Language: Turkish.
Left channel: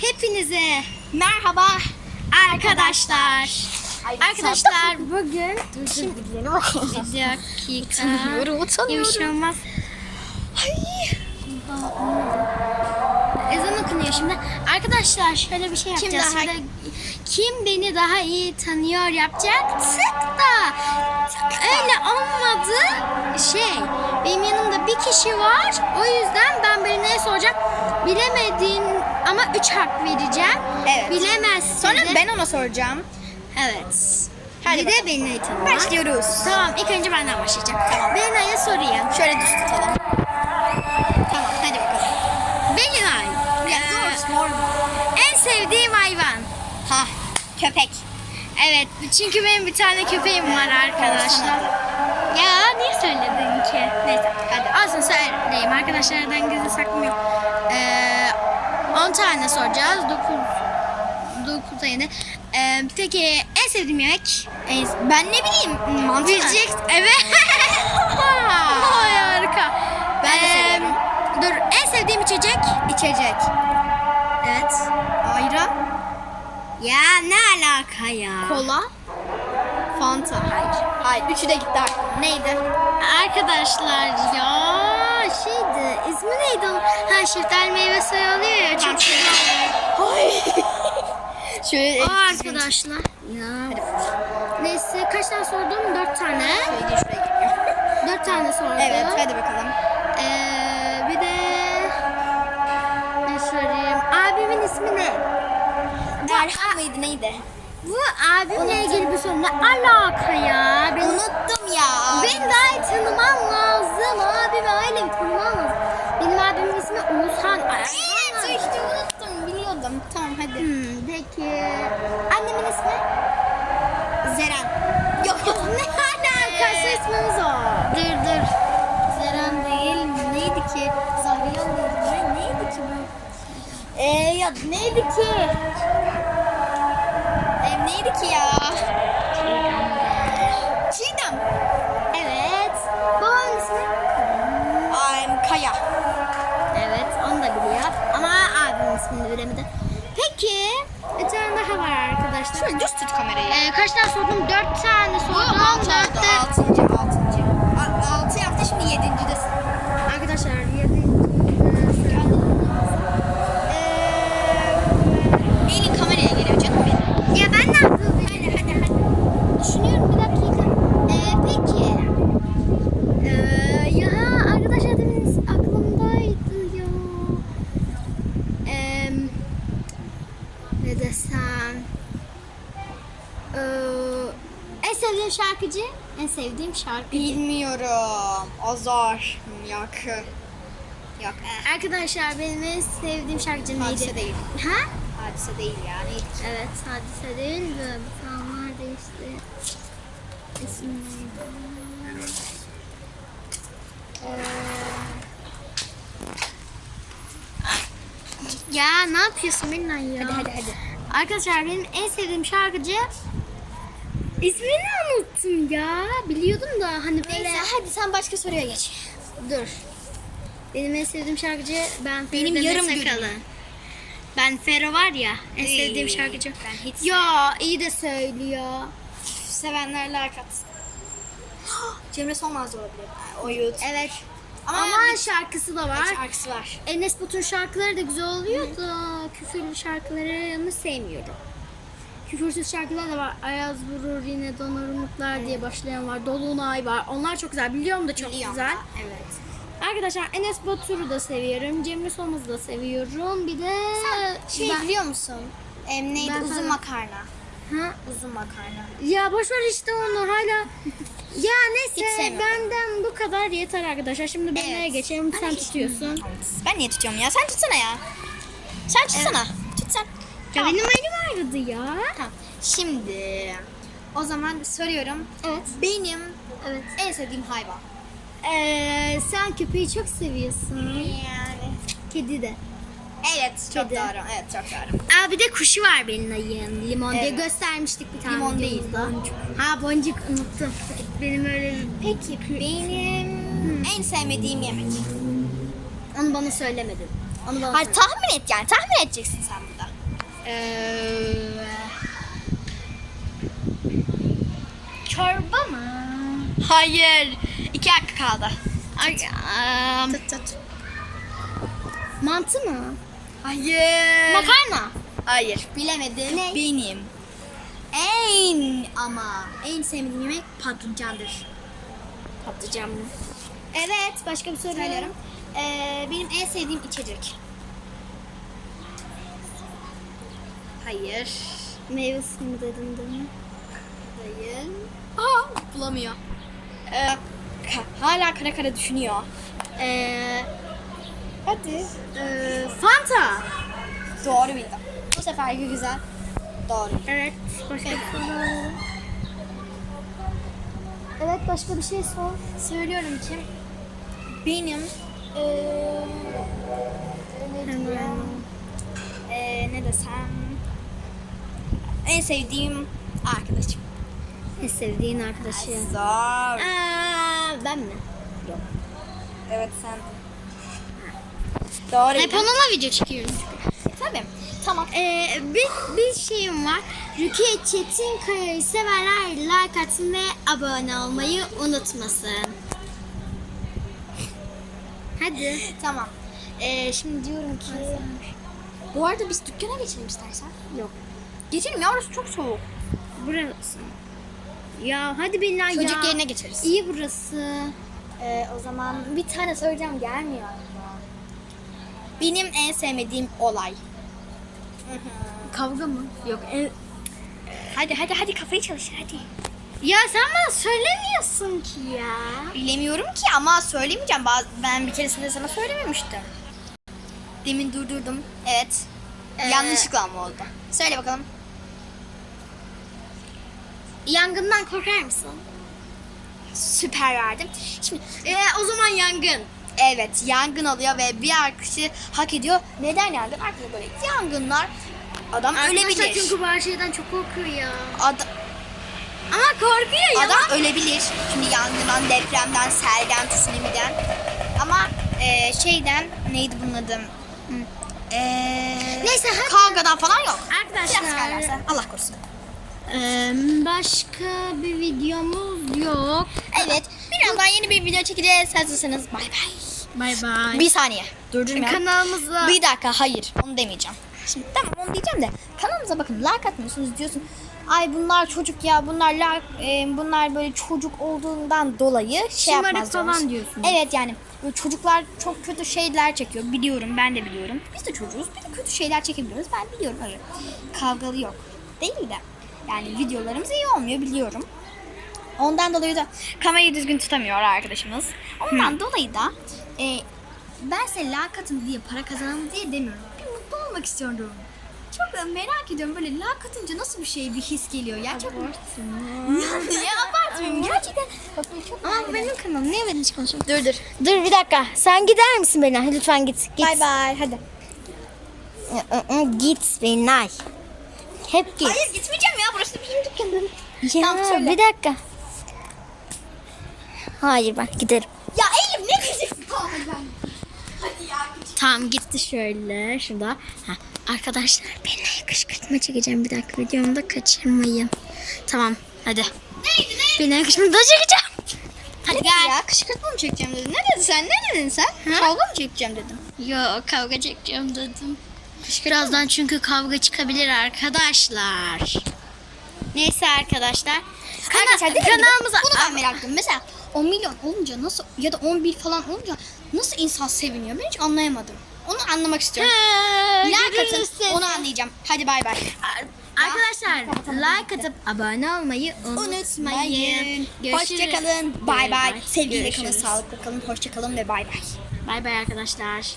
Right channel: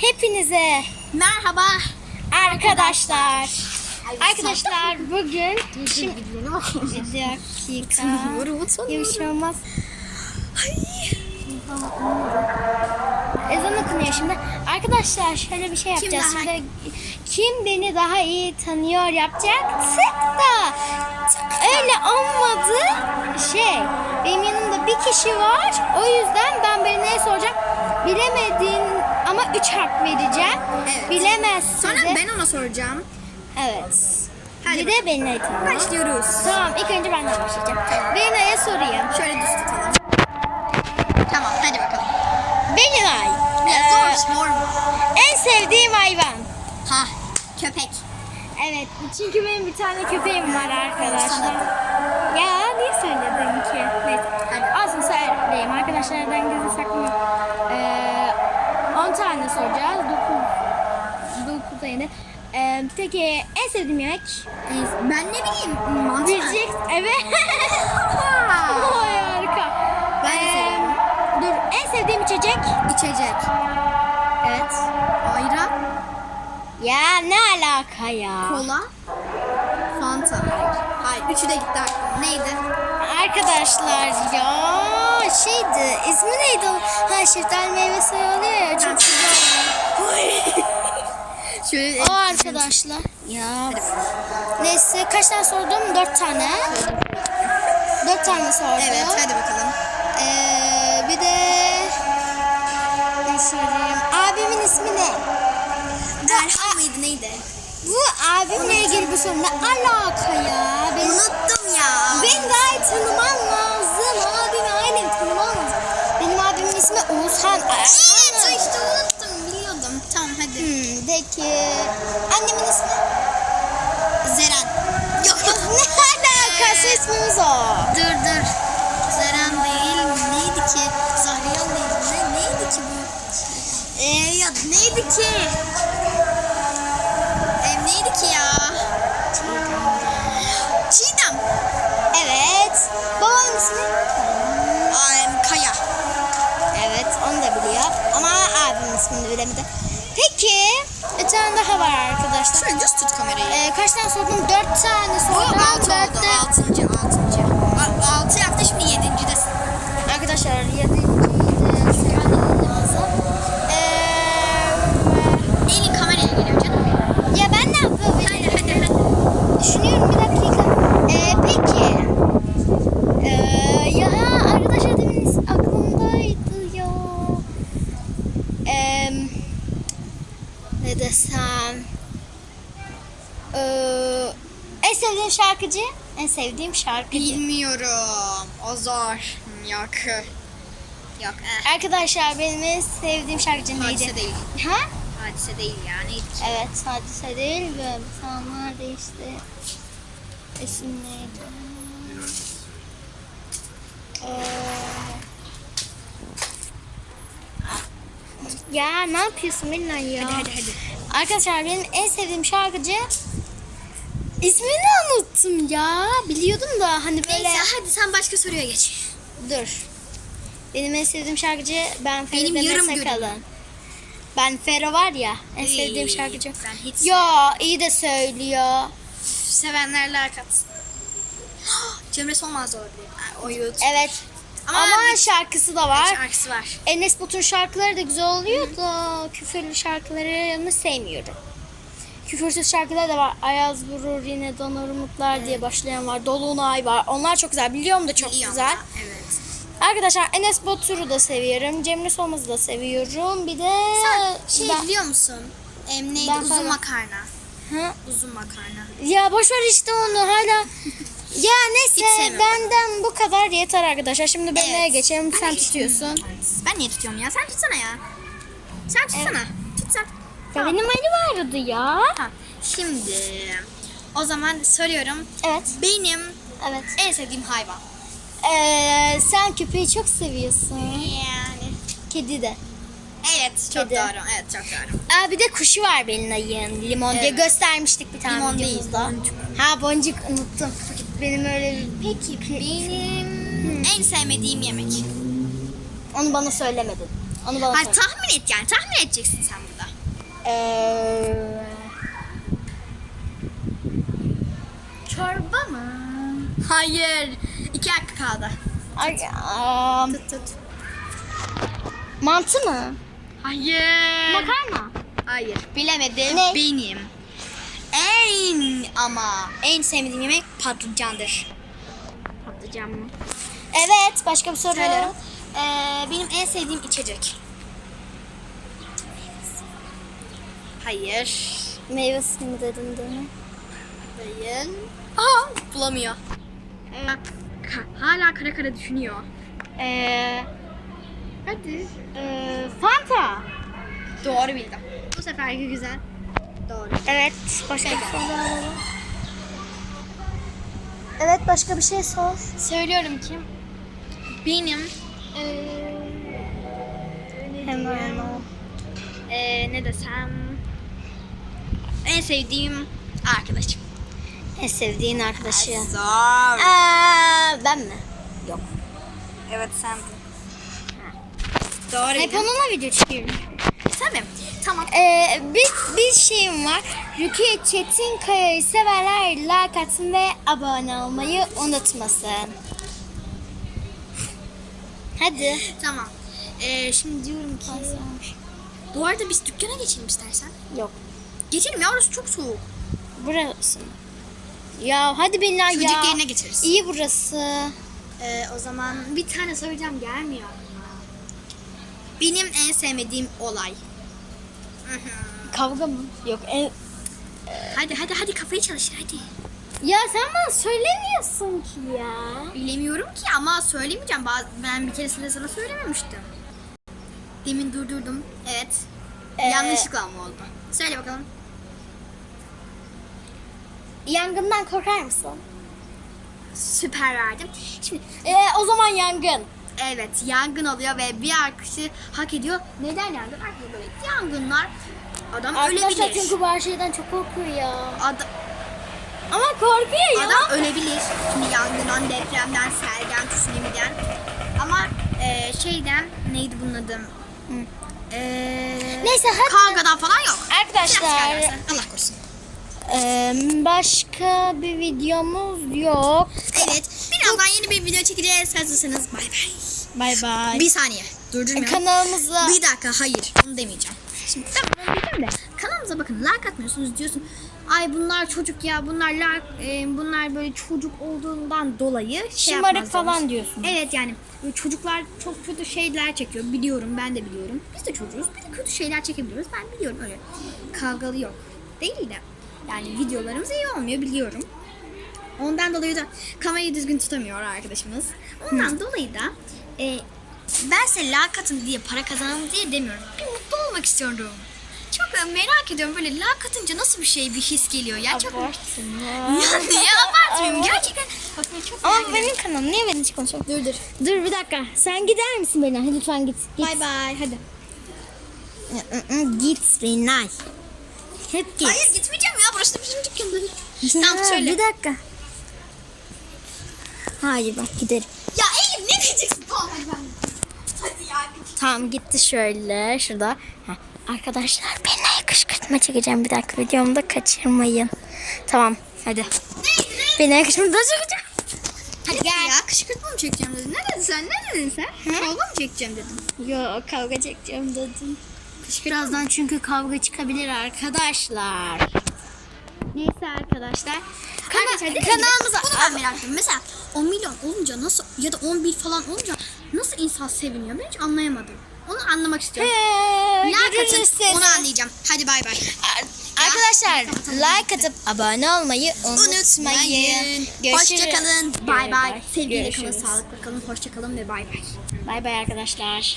Hepinize merhaba arkadaşlar. Arkadaşlar bugün şimdi bir dakika. Ya bir şey olmaz. Ezan okunuyor şimdi. Arkadaşlar şöyle bir şey yapacağız. daha- Şimdi kim beni daha iyi tanıyor yapacaktık da öyle olmadı. Şey benim yanımda bir kişi var. O yüzden ben birine soracağım. Bilemedin ama 3 hak vereceğim. Evet. Bilemezse Sonra de- ben ona soracağım. Evet. Hadi bir de beni tanıma. Başlıyoruz. Tamam ilk önce benden başlayacağım. Tamam. Bena'ya sorayım. Şöyle düz tutalım. Tamam hadi bakalım. Benay. Ya Ee, zor zor. En sevdiğim hayvan. Ha köpek. Evet çünkü benim bir tane köpeğim var arkadaşlar. Ya niye söyledin ki? Neyse hadi olsun söyleyeyim. Arkadaşlardan gizli saklım yok. Ee, 10 tane soracağız. 9 9 yeni. Ee, peki en sevdiğim yemek? En, Ben ne bileyim mantı? Bilecek. Evet. Vay harika. Ben Ee, dur en sevdiğim içecek? İçecek. Evet. Ayran. Ya ne alaka ya? Kola. Fanta. Hayır. Hayır. Üçü de gitti. Neydi? Arkadaşlar ya şeydi ismi neydi onun? Ha şeftali meyve suyu oluyor ya çok güzel oluyor. Şöyle. O arkadaşlar. Ya. Neyse kaç tane sordum? Dört tane. Dört tane sordum. Evet hadi bakalım. Ee, bir de sorayım. Abimin ismi ne? Erhan mıydı neydi? Bu abimle ilgili bir soru. Ne alaka ya? Benim, Unuttum ya. beni daha iyi tanıman lazım. Abimi ailemi tanıman lazım. Benim abimin ismi Oğuzhan. Evet işte unuttum biliyordum. Tamam hadi. Hmm, peki. Annemin ismi? Zeren. Yok ne alakası ismimiz o? Dur dur. Zeren değil. Neydi ki? Zahriyan neydi? Ne, neydi ki bu? Ee, ya neydi ki? E, neydi ki ya? Çiğdem. İsmini bilemedi. Peki. Bir tane daha var arkadaşlar. Şöyle düz tut kamerayı. Ee, kaç tane sordum? Dört tane Bu sordum. altı oldu. Altıncı, altıncı. Altı yaptı şimdi yedinci Arkadaşlar yedinciyi de söylemem lazım. Ee, Elin kameraya geliyor canım benim. ya ben ne yapıyorum? Hadi hadi hadi. Düşünüyorum bir dakika. Ee, peki. Ee, ya arkadaşlar demin aklımdaydı ya. Ee, ne desem. Ee, en sevdiğim şarkıcı? En sevdiğim şarkıcı. Bilmiyorum. O zor. Yok. Yok. Eh. Arkadaşlar benim en sevdiğim şarkıcı neydi? Hadise değil. Ha? Hadise değil ya. Neydi ki? Evet hadise değil de bir tane var değişti. İsim neydi? Ee, ya ne yapıyorsun Minna ya? Hadi hadi hadi. Arkadaşlar benim en sevdiğim şarkıcı ismini unuttum ya. Biliyordum da hani böyle. Neyse hadi sen başka soruya geç. Dur. Benim en sevdiğim şarkıcı ben Benim Feride yarım Mesakalı. günüm. Ben Fero var ya en Ey, sevdiğim şarkıcı. ben hiç Ya iyi de söylüyor. Sevenler like atsın. Cemre Solmaz da olabilir. O YouTube. Evet. Ama, Ama bir- şarkısı da var. Şarkısı var. Enes Batur'un şarkıları da güzel oluyor da küfürlü şarkılarını sevmiyorum. Küfürsüz şarkılar da var. Ayaz vurur yine donar umutlar diye başlayan var. Dolunay var. Onlar çok güzel. Biliyorum da çok Biliyorum güzel. da, Evet. Arkadaşlar Enes Batur'u da seviyorum. Cemre Solmaz'ı da seviyorum. Bir de Sen şey Ben- biliyor musun? Em, neydi? Ben Uzun sana- makarna. Ha? Uzun makarna. Ya boş ver işte onu hala. ya neyse benden bu kadar yeter arkadaşlar. Şimdi ben Evet. neye geçelim? Sen Ay, tutuyorsun. Ben niye tutuyorum ya? Sen tutsana ya. Sen tutsana. Tut sen. Ya Tamam. benim elim ağrıdı ya. Ha, Şimdi o zaman soruyorum. Evet. Benim Evet. en sevdiğim hayvan. Ee, sen köpeği çok seviyorsun. Yani. Kedi de. Evet çok Kedi. doğru. Evet çok doğru. Aa, bir de kuşu var benim ayın. Limon diye Evet. göstermiştik bir tane Limon değil, boncuk. Ha boncuk unuttum. Benim öyle Peki. Benim en sevmediğim yemek. Onu bana söylemedin. Onu bana Hayır tahmin et yani. Tahmin edeceksin sen burada. Ee, çorba mı? Hayır. İki hakkı kaldı. Ay, am, Tut tut. mantı mı? Hayır. Makarna. Hayır. Bilemedim. Ne? Benim. En ama en sevmediğim yemek patlıcandır. Patlıcan mı? Evet. Başka bir soru. Söylüyorum. Ee, benim en sevdiğim içecek. Hayır. Meyve suyu mu dedin değil mi? Hayır. Aha bulamıyor. Ee, ka- hala kara kara düşünüyor. Ee, hadi. Ee, Fanta. Doğru bildim. Bu seferki güzel. Doğru. Evet. Şey bir geldi. soru. Evet başka bir şey sor. Söylüyorum ki benim ee, ne Hemen. Ee, ne desem en sevdiğim arkadaşım. En sevdiğin arkadaşı. Zor. Aa, ben mi? Yok. Evet sen. Doğru. Hep onunla video çekiyoruz. Tabii. Tamam. Ee, bir, bir şeyim var. Rukiye Çetinkaya'yı severler like atsın ve abone olmayı unutmasın. Hadi. Tamam. Ee, şimdi diyorum ki. Bu arada biz dükkana geçelim istersen. Yok. Geçelim ya orası çok soğuk. Burası mı? Ya hadi beni ya. Çocuk yerine geçeriz. İyi burası. Ee, o zaman Bir tane söyleyeceğim gelmiyor. benim en sevmediğim olay. Kavga mı? Yok. En... Hadi hadi hadi kafayı çalıştır hadi. Ya sen bana söylemiyorsun ki ya. Bilemiyorum ki ama söylemeyeceğim. Ben bir keresinde sana söylememiştim. Demin durdurdum. Evet. Ee, Yanlışlıkla mı oldu? Söyle bakalım. Yangından korkar mısın? Süper verdim. Şimdi Ee, o zaman yangın. evet yangın oluyor ve bir arkadaşı hak ediyor. Neden yangın? Arkadaşlar böyle yangınlar adam Arkadaşlar ölebilir. çünkü bu her şeyden çok korkuyor ya. Ada- Ama korkuyor ya. adam ölebilir. Şimdi yangından, depremden, selden, tsunami'den. Ama e, şeyden neydi bunun adı? E, Neyse, hadi. Kavgadan falan yok. Arkadaşlar. Allah korusun. Ee, başka bir videomuz yok. Evet. Birazdan yeni bir video çekeceğiz. Hazırsanız bay bay. Bay bay. Bir saniye. Durdurma. Kanalımıza Bir dakika hayır onu demeyeceğim. Şimdi tamam onu diyeceğim de kanalımıza bakın like atmıyorsunuz diyorsun. Ay bunlar çocuk ya bunlar like, e, bunlar böyle çocuk olduğundan dolayı şey Şımarık falan olmuş. diyorsun. Evet yani çocuklar çok kötü şeyler çekiyor biliyorum ben de biliyorum. Biz de çocuğuz biz de kötü şeyler çekebiliyoruz ben biliyorum öyle kavgalı yok değil de yani videolarımız iyi olmuyor biliyorum. Ondan dolayı da kamerayı düzgün tutamıyor arkadaşımız. Ondan dolayı da e, ben size like atın diye para kazanalım diye demiyorum. Bir mutlu olmak istiyorum. Çok e, merak ediyorum böyle like atınca nasıl bir şey bir his geliyor ya çok yani ya abartmıyorum gerçekten çok Ama benim kanalım niye benim hiç konuşuyorum? dur dur Dur bir dakika. Sen gider misin Belinay? Lütfen git. git. bay bay hadi Git Belinay. Hep git. hayır gitmeyeceğim ya burası da bizim dükkanımız Ya, Tamam, söyle. Bir dakika. Hayır bak giderim. ya Elif ne diyeceksin tamam ben hadi ya Tamam gitti şöyle şurada. Heh. Arkadaşlar Belinay'a kışkırtma çekeceğim bir dakika videomu kaçırmayın. Tamam hadi. neydi ne Belinay'a kışkırtma çekeceğim. Hadi gel ya kışkırtma mı çekeceğim dedin ne dedin sen ne dedin sen kavga mı çekeceğim dedin Yok kavga çekeceğim dedim. Birazdan çünkü kavga çıkabilir arkadaşlar. Neyse arkadaşlar. Kana- Arkadaşlar, kanalımıza Bunu ben merak ediyorum. Mesela 10 milyon olunca nasıl ya da 11 falan olunca nasıl insan seviniyor? Ben hiç anlayamadım. Onu anlamak istiyorum. He, like atın onu anlayacağım. Hadi bay bay. Arkadaşlar like atıp abone olmayı unutmayın. Unutmayın. Hoşçakalın. Bay bay. Sevgiyle kalın, sağlıklı kalın. Hoşçakalın ve bay bay. Bay bay arkadaşlar.